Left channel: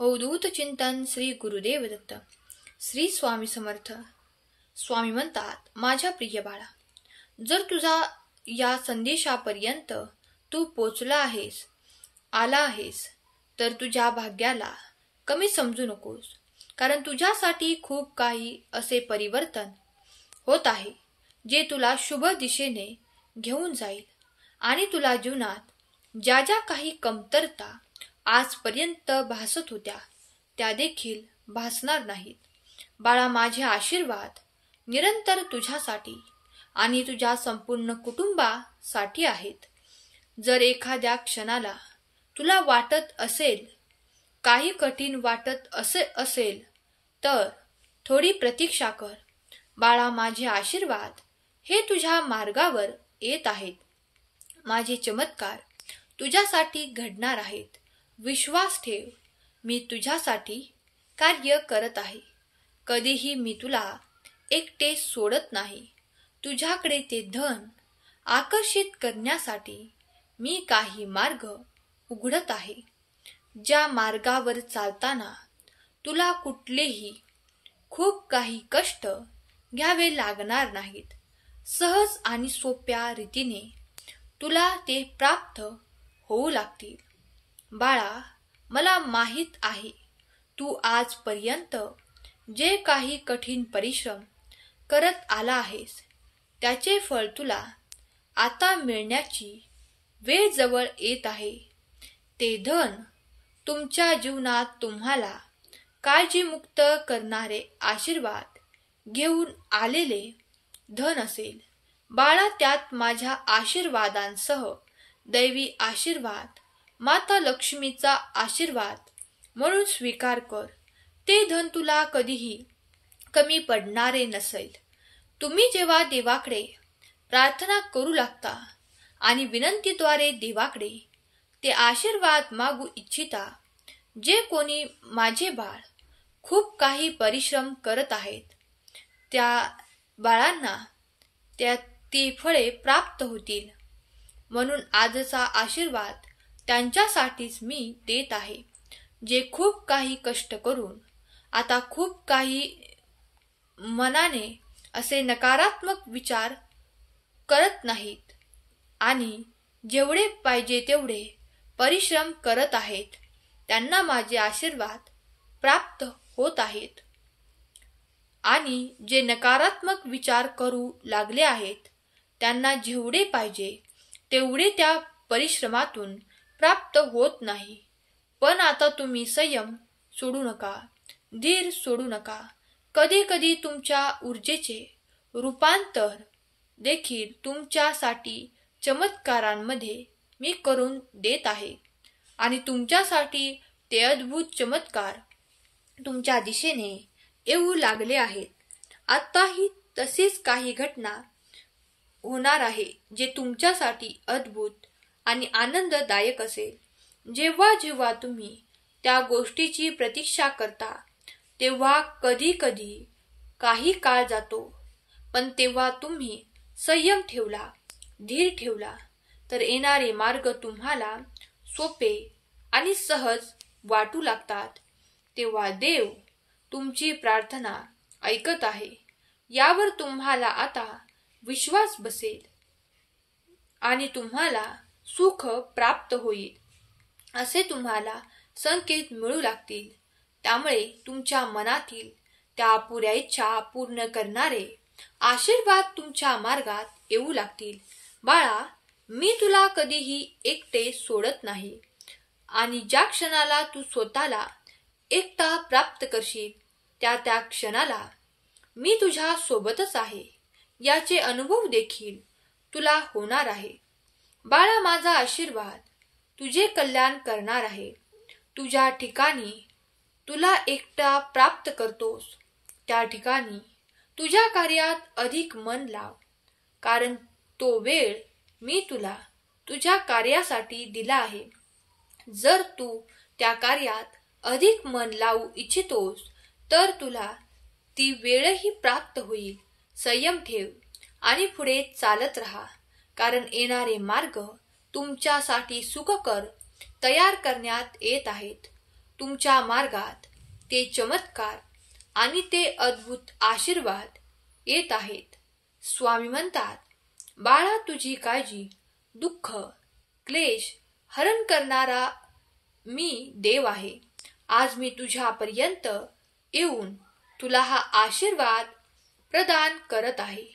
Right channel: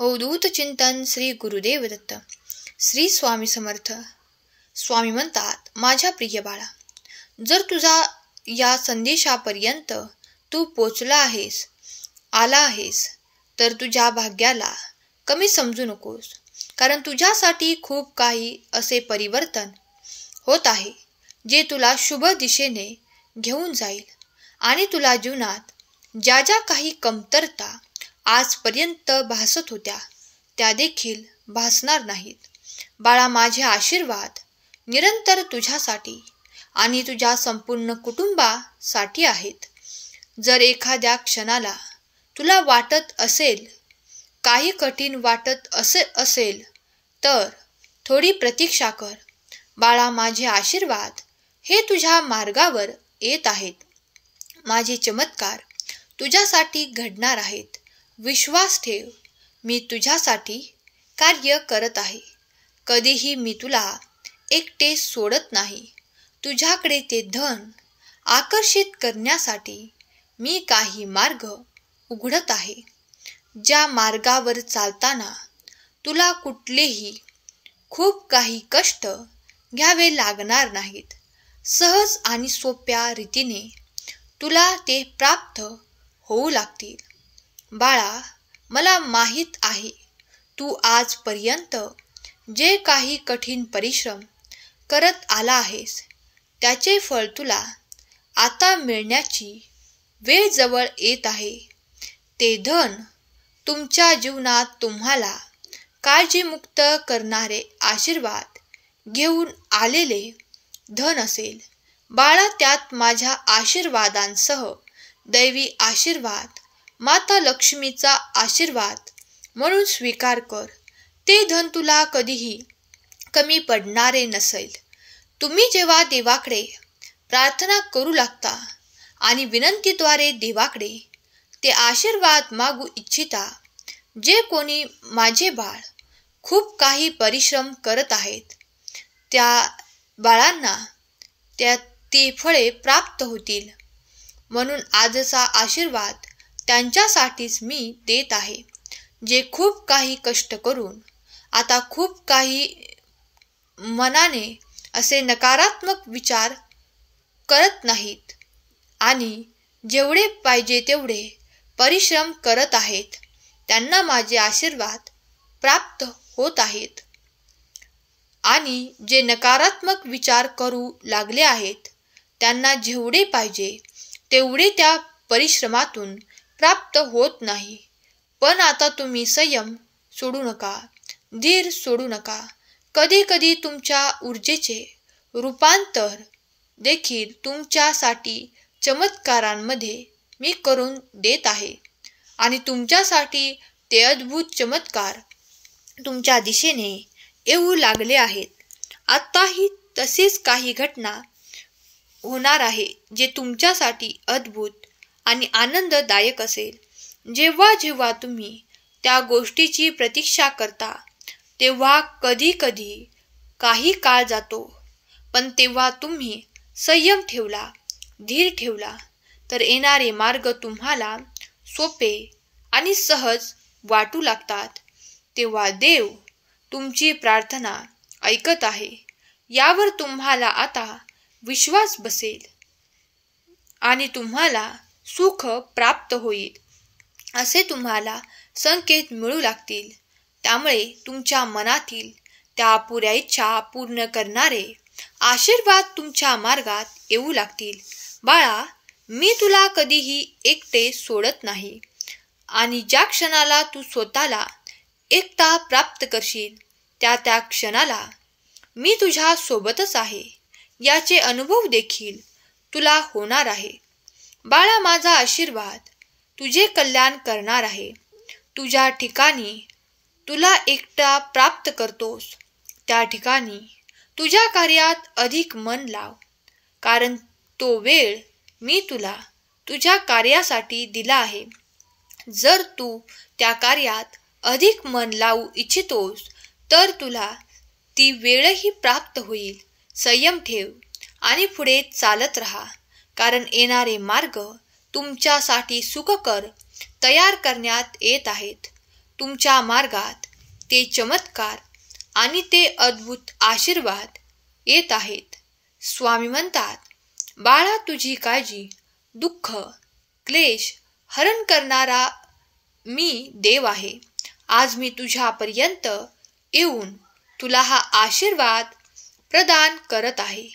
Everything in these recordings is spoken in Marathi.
अवधूत चिंतन श्री गुरुदेव दत्त. श्री स्वामी समर्थ. स्वामी म्हणतात, माझ्या प्रिय बाळा, जर तुझा या संदेशापर्यंत तू पोचला आहेस, आला आहेस, तर तुझ्या भाग्याला कमी समजू नकोस. कारण तुझ्यासाठी खूप काही असे परिवर्तन होत आहे जे तुला शुभ दिशेने घेऊन जाईल आणि तुला जीवनात ज्या ज्या काही कमतरता आजपर्यंत भासत होत्या त्या देखील भासणार नाहीत. बाळा, माझे आशीर्वाद निरंतर तुझ्यासाठी आणि तुझ्या संपूर्ण कुटुंबासाठी आहेत. जर एखाद्या क्षणाला तुला वाटत असेल, काही कठीण वाटत असेल तर थोडी प्रतीक्षा कर. बाळा, माझे आशीर्वाद हे तुझ्या मार्गावर येत आहेत. माझे चमत्कार तुझ्यासाठी घडणार आहेत. विश्वास ठेव, मी तुझ्यासाठी कार्य करत आहे. कधीही मी तुला एकटे सोडत नाही. तुझ्याकडे ते धन आकर्षित करण्यासाठी मी काही मार्ग उघडत आहे. ज्या मार्गावर चालताना तुला कुठलेही खूप काही कष्ट घ्यावे लागणार नाहीत. सहज आणि सोप्या रीतीने तुला ते प्राप्त होऊ लागतील. बाळा, मला माहीत आहे तू आजपर्यंत जे काही कठीण परिश्रम करत आला आहेस त्याचे फळ तुला आता मिळण्याची वेळ जवळ येत आहे. ते धन तुमच्या जीवनात तुम्हाला काळजीमुक्त करणारे आशीर्वाद घेऊन आलेले धन असेल. बाळा, त्यात माझ्या आशीर्वादांसह दैवी आशीर्वाद, माता लक्ष्मीचा आशीर्वाद म्हणून स्वीकार कर. ते धन तुला कधीही कमी पडणारे नसेल. तुम्ही जेव्हा देवाकडे प्रार्थना करू लागता आणि विनंतीद्वारे देवाकडे ते आशीर्वाद मागू इच्छिता, जे कोणी माझे बाळ खूप काही परिश्रम करत आहेत त्या बाळांना ती फळे प्राप्त होतील. म्हणून आजचा आशीर्वाद त्यांच्यासाठीच मी देत आहे, जे खूप काही कष्ट करून आता खूप काही मनाने असे नकारात्मक विचार करत नाहीत आणि जेवढे पाहिजे तेवढे परिश्रम करत आहेत. त्यांना माझे आशीर्वाद प्राप्त होत आहेत. आणि जे नकारात्मक विचार करू लागले आहेत त्यांना जेवढे पाहिजे तेवढे त्या परिश्रमातून प्राप्त होत नाही. पण आता तुम्ही संयम सोडू नका, धीर सोडू नका. कधी कधी तुमच्या ऊर्जेचे रूपांतर देखील तुमच्यासाठी चमत्कारांमध्ये मी करून देत आहे आणि तुमच्यासाठी ते अद्भुत चमत्कार तुमच्या दिशेने येऊ लागले आहेत. आताही तशीच काही घटना होणार आहे जे तुमच्यासाठी अद्भुत आणि आनंददायक असेल. जेव्हा जेव्हा तुम्ही त्या गोष्टीची प्रतीक्षा करता तेव्हा कधी कधी काही काळ जातो, पण तेव्हा तुम्ही संयम ठेवला, धीर ठेवला तर येणारे मार्ग तुम्हाला सोपे आणि सहज वाटू लागतात. तेव्हा देव तुमची प्रार्थना ऐकत आहे यावर तुम्हाला आता विश्वास बसेल आणि तुम्हाला सुख प्राप्त होईल असे तुम्हाला संकेत मिळू लागतील. त्यामुळे तुमच्या मनातील त्या अपुऱ्या इच्छा पूर्ण करणारे आशीर्वाद तुमच्या मार्गात येऊ लागतील. बाळा, मी तुला कधीही एकटे सोडत नाही आणि ज्या क्षणाला तू स्वतःला एकटा प्राप्त करशील त्या क्षणाला मी तुझ्या सोबतच आहे याचे अनुभव देखील तुला होणार आहे. बाळा, माझा आशीर्वाद तुझे कल्याण करणार आहे. तुझ्या ठिकाणी तुला एकटा प्राप्त करतोस त्या ठिकाणी तुझ्या कार्यात अधिक मन लाव. कारण तो वेळ मी तुला तुझ्या कार्यासाठी दिला आहे. जर तू त्या कार्यात अधिक मन लावू इच्छितोस तर तुला ती वेळही प्राप्त होईल. संयम ठेव आणि पुढे चालत राहा, कारण येणारे मार्ग तुमच्यासाठी सुखकर तयार करण्यात येत आहेत. तुमच्या मार्गात ते चमत्कार आणि ते अद्भुत आशीर्वाद येत आहेत. स्वामी म्हणतात, बाळा, तुझी काळजी, दुःख, क्लेश हरण करणारा मी देव आहे. आज मी तुझ्यापर्यंत येऊन तुला हा आशीर्वाद प्रदान करत आहे.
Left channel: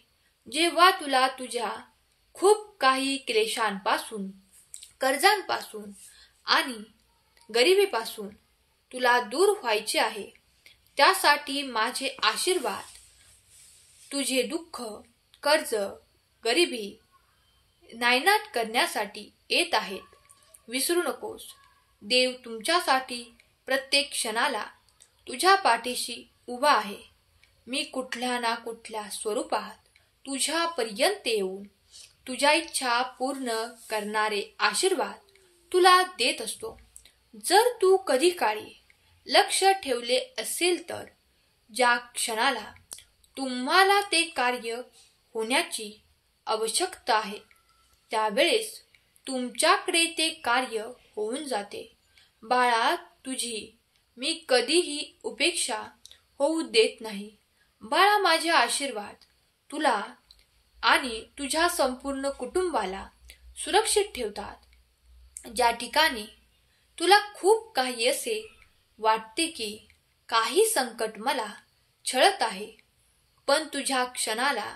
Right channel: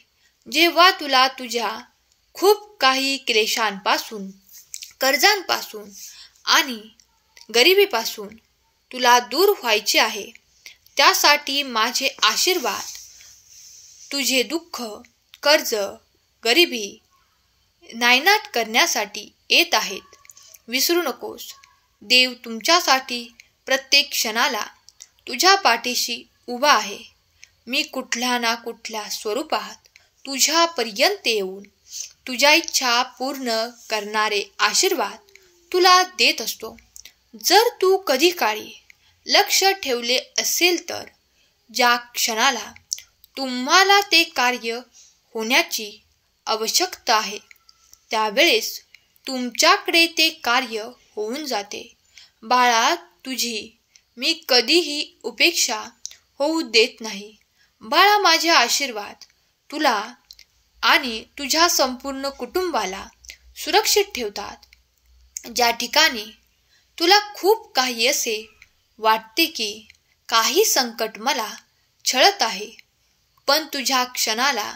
जेव्हा तुला तुझ्या खूप काही क्लेशांपासून, कर्जांपासून आणि गरिबीपासून तुला दूर व्हायचे आहे, त्यासाठी माझे आशीर्वाद तुझे दुःख, कर्ज, गरिबी नायनाट करण्यासाठी येत आहेत. विसरू नकोस, देव तुमच्यासाठी प्रत्येक क्षणाला तुझ्या पाठीशी उभा आहे. मी कुठल्या ना कुठल्या स्वरूपात तुझ्यापर्यंत येऊन तुझ्या इच्छा पूर्ण करणारे आशीर्वाद तुला देत असतो. जर तू कधी काळी लक्ष ठेवले असेल तर ज्या क्षणाला तुम्हाला ते कार्य होण्याची आवश्यकता आहे, त्यावेळेस तुमच्याकडे ते कार्य होऊन जाते. बाळा, तुझी मी कधीही उपेक्षा होऊ देत नाही. बाळा, माझे आशीर्वाद तुला आणि तुझ्या संपूर्ण कुटुंबाला सुरक्षित ठेवतात. ज्या ठिकाणी तुला खूप काही असे वाटते की काही संकट मला छळत आहे, पण तुझ्या क्षणाला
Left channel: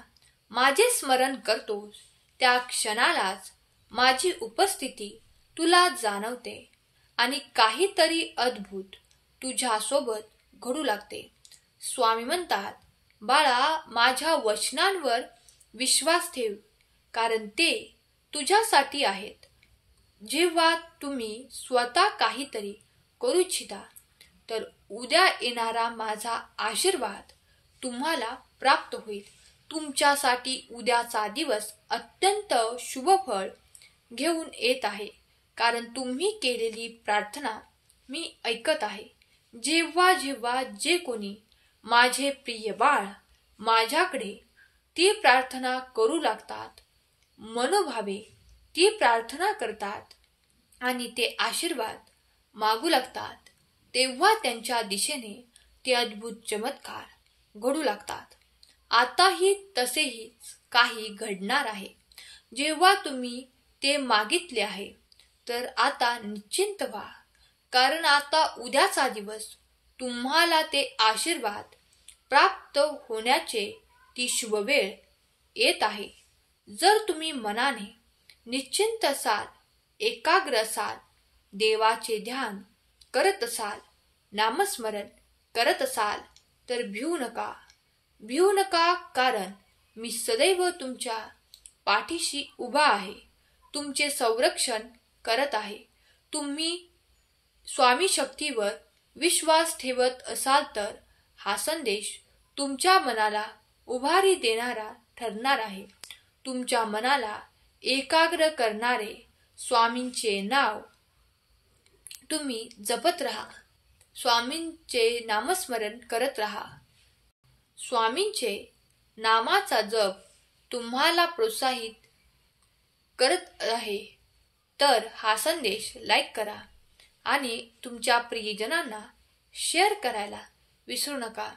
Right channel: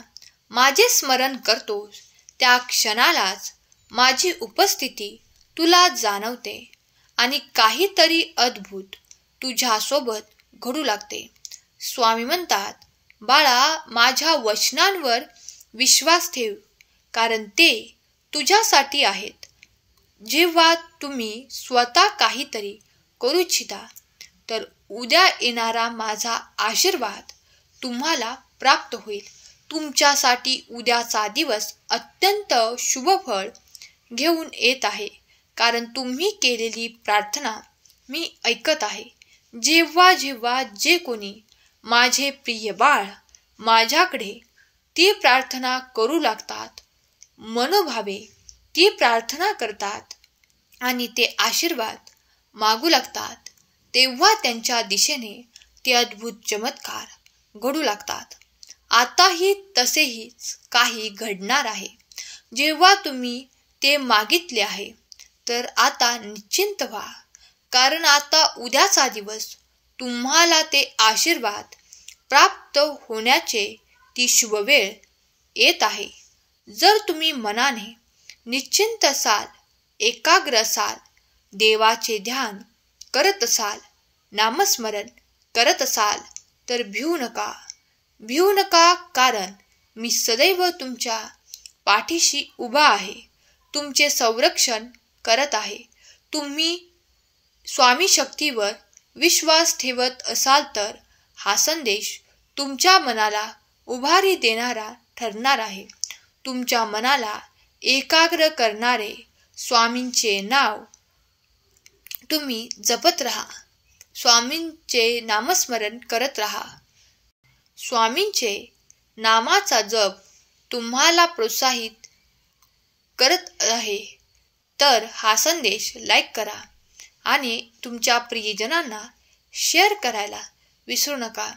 माझे स्मरण करतोस, त्या क्षणालाच माझी उपस्थिती तुला जाणवते आणि काहीतरी अद्भुत तुझ्यासोबत घडू लागते. स्वामी म्हणतात, बाळा, माझ्या वचनांवर विश्वास ठेव, कारण ते तुझ्यासाठी आहेत. जेव्हा तुम्ही स्वतः काहीतरी करू इच्छिता, तर उद्या येणारा माझा आशीर्वाद तुम्हाला प्राप्त होईल. तुमच्यासाठी उद्याचा दिवस अत्यंत शुभफळ घेऊन येत आहे, कारण तुम्ही केलेली प्रार्थना मी ऐकत आहे. जेव्हा जेव्हा जे कोणी माझे प्रिय बाळ माझ्याकडे ती प्रार्थना करू लागतात, मनोभावे ती प्रार्थना करतात आणि ते आशीर्वाद मागू लागतात, तेव्हा त्यांच्या दिशेने ते अद्भुत चमत्कार घडू लागतात. आताही तसेहीच काही घडणार आहे. जेव्हा तुम्ही ते मागितले आहे, तर आता निश्चिंत व्हा, कारण आता उद्याचा दिवस तुम्हाला ते आशीर्वाद प्राप्त होण्याचे ती शुभ वेळ येत आहे. जर तुम्ही मनाने निश्चिंत असाल, एकाग्र असाल, देवाचे ध्यान करत असाल, नामस्मरण करत असाल, तर भिवू नका, कारण मी सदैव तुमच्या पाठीशी उभा आहे, तुमचे संरक्षण करत आहे. तुम्ही स्वामी शक्तीवर विश्वास ठेवत असाल तर हा संदेश तुमच्या मनाला उभारी देणारा ठरणार आहे. तुमच्या मनाला एकाग्र करणारे स्वामींचे नाव तुम्ही जपत राहा, स्वामींचे नामस्मरण करत राहा. स्वामींचे नामाचा जप तुम्हाला प्रोत्साहित करत आहे, तर हा संदेश लाईक करा आणि तुमच्या प्रियजनांना शेअर करायला विसरू नका.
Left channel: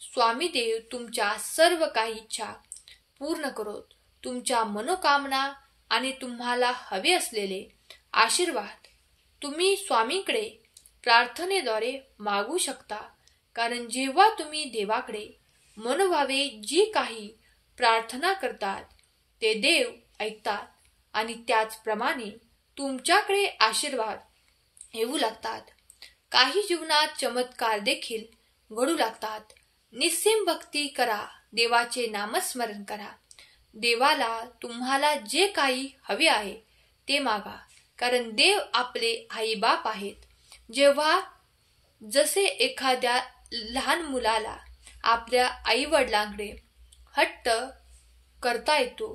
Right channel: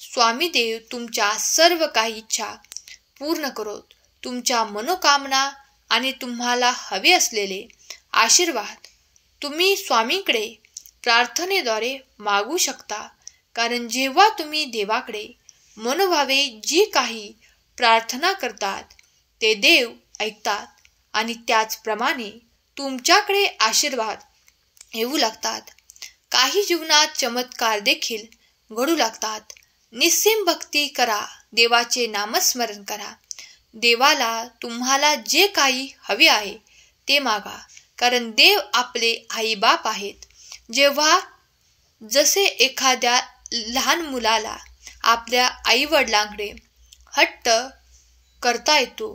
स्वामी देव तुमच्या सर्व काही इच्छा पूर्ण करोत. तुमच्या मनोकामना आणि तुम्हाला हवे असलेले आशीर्वाद तुम्ही स्वामींकडे प्रार्थनेद्वारे मागू शकता, कारण जेव्हा तुम्ही देवाकडे मनोभावे जी काही प्रार्थना करतात, ते देव ऐकतात आणि त्याचप्रमाणे तुमच्याकडे आशीर्वाद येऊ लागतात. काही जीवनात चमत्कार देखील घडू लागतात. निस्सीम भक्ती करा, देवाचे नामस्मरण करा. देवाला तुम्हाला जे काही हवे आहे ते मागा, कारण देव आपले आई बाप आहेत. जेव्हा जसे एखाद्या लहान मुलाला आपल्या आई वडिलांकडे हट्ट करता येतो,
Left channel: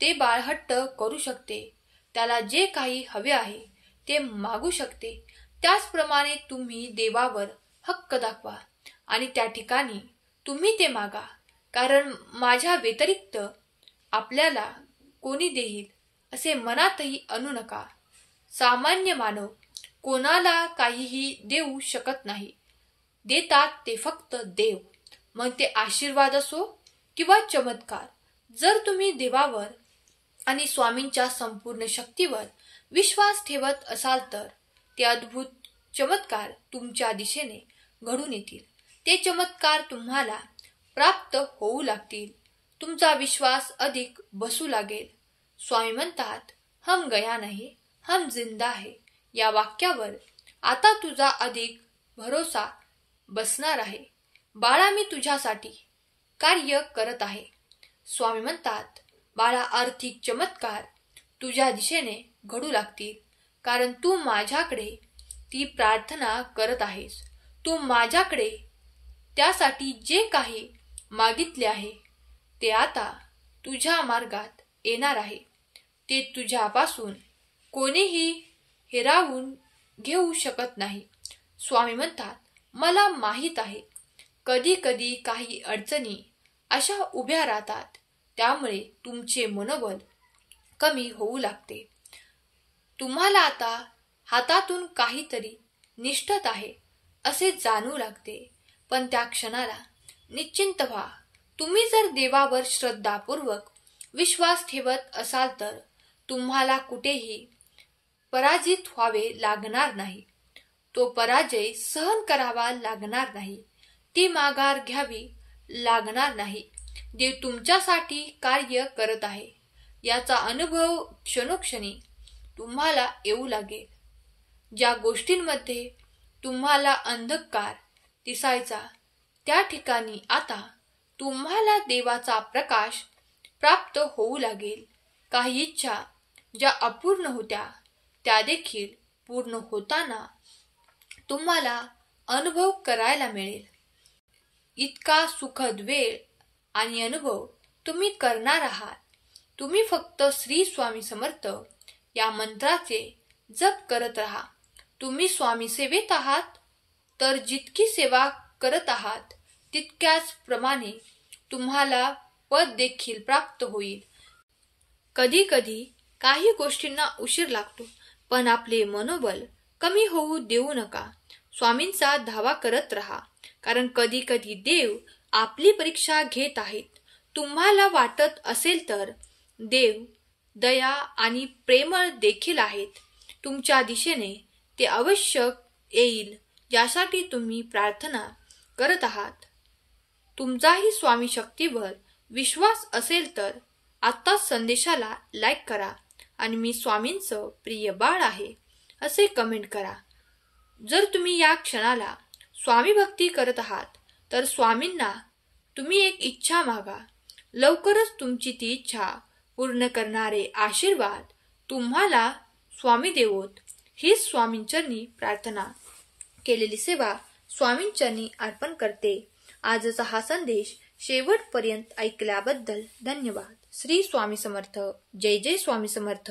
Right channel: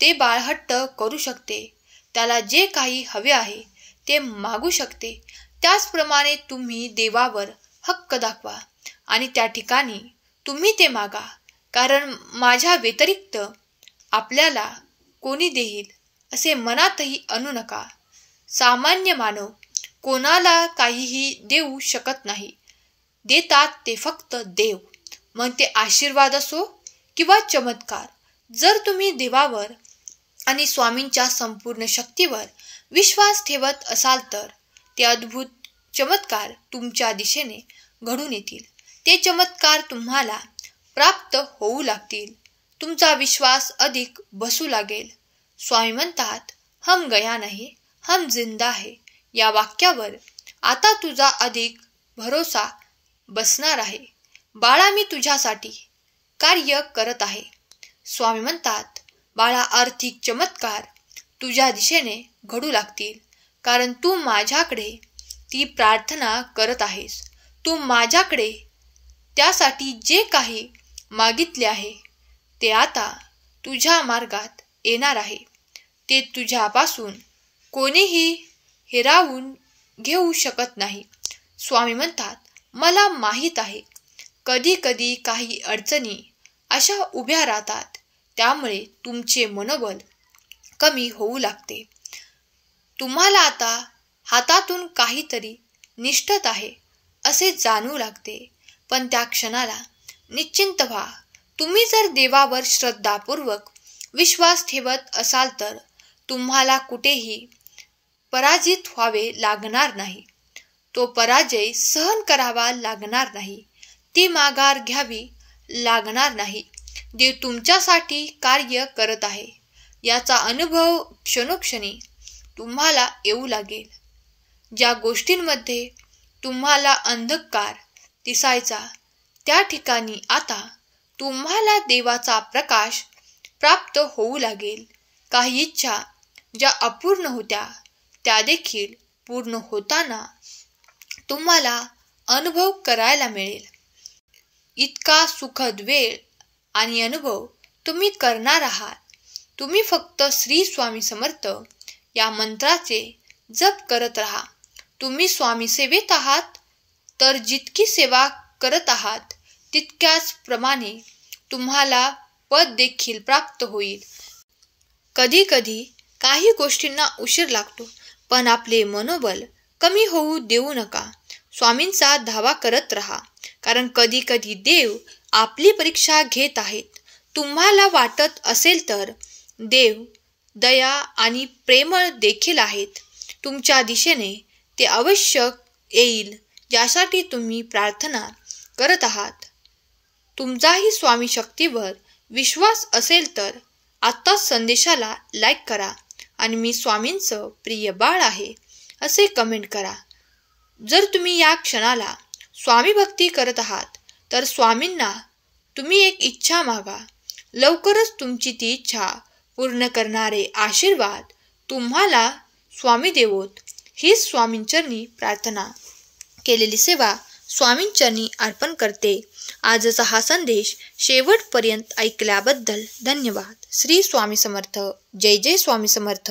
ते बाळ हट्ट करू शकते, त्याला जे काही हवे आहे ते मागू शकते. त्याचप्रमाणे तुम्ही देवावर हक्क दाखवा आणि त्या ठिकाणी तुम्ही ते मागा, कारण माझ्या व्यतिरिक्त आपल्याला कोणी देईल असे मनातही आणू नका. सामान्य मानव कोणाला काहीही देऊ शकत नाही. देतात ते फक्त देव. मग ते आशीर्वाद असो किंवा चमत्कार. जर तुम्ही देवावर आणि स्वामींच्या संपूर्ण शक्तीवर विश्वास ठेवत असाल तर ते अद्भुत चमत्कार तुमच्या दिशेने घडून येतील. ते चमत्कार तुम्हाला प्राप्त होऊ लागतील. तुमचा विश्वास अधिक बसू लागेल. स्वामी म्हणतात, हम गया नहीं, हम जिंदा है. या वाक्यावर आता तुझा अधिक भरोसा बसणार आहे. बाळा, मी तुझ्यासाठी कार्य करत आहे. स्वामी म्हणतात, बाळा, आर्थिक चमत्कार तुझ्या दिशेने घडू लागतील, कारण तू माझ्याकडे ती प्रार्थना करत आहेस. तू माझ्याकडे त्यासाठी जे काही मागितले आहे ते आता तुझ्या मार्गात येणार आहे. ते तुझ्यापासून कोणीही हिरावून घेऊ शकत नाही. स्वामी म्हणतात, मला माहीत आहे कधी कधी काही अडचणी अशा उभ्या राहतात, त्यामुळे तुमचे मनोबल कमी होऊ लागते. तुम्हाला आता हातातून काहीतरी निष्ठत आहे असे जाणू लागते, पण त्या क्षणाला निश्चिंत व्हा. तुम्ही जर देवावर श्रद्धापूर्वक विश्वास ठेवत असाल तर तुम्हाला कुठेही पराजित व्हावे लागणार नाही. तो पराजय सहन करावा लागणार नाही. ती माघार घ्यावी लागणार नाही. देव तुमच्यासाठी कार्य करत आहे याचा अनुभव क्षणोक्षणी तुम्हाला येऊ लागेल. ज्या गोष्टींमध्ये तुम्हाला अंधकार दिसायचा त्या ठिकाणी आता तुम्हाला देवाचा प्रकाश प्राप्त होऊ लागेल. काही इच्छा ज्या अपूर्ण होत्या त्या देखील पूर्ण होताना तुम्हाला अनुभव करायला मिळेल. इतका सुखद वेळ आणि अनुभव तुम्ही करणार आहात. तुम्ही फक्त श्री स्वामी समर्थ या मंत्राचे जप करत राहा. तुम्ही स्वामी सेवेत आहात तर जितकी सेवा करत आहात तितक्याच प्रमाणे तुम्हाला पद देखील प्राप्त होईल. कधी कधी काही गोष्टींना उशीर लागतो, पण आपले मनोबल कमी होऊ देऊ नका. स्वामींचा धावा करत राहा, कारण कधी कधी देव आपली परीक्षा घेत आहेत. तुम्हाला वाटत असेल तर देव दया आणि प्रेमळ देखील आहेत. तुमच्या दिशेने ते अवश्य येईल ज्यासाठी तुम्ही प्रार्थना करत आहात. तुमचाही स्वामी शक्तीवर विश्वास असेल तर आत्ताच संदेशाला लाईक करा आणि मी स्वामींचं प्रिय बाळ आहे असे कमेंट करा. जर तुम्ही या क्षणाला स्वामी भक्ती करत आहात तर स्वामींना तुम्ही एक इच्छा मागा. लवकरच तुमची ती इच्छा पूर्ण करणारे आशीर्वाद तुम्हाला स्वामी देवोत. हीच स्वामींचरणी प्रार्थना केलेली सेवा स्वामींचरणी अर्पण करते. आजचा हा संदेश शेवटपर्यंत ऐकल्याबद्दल धन्यवाद. श्री स्वामी समर्थ. जय जय स्वामी समर्थ.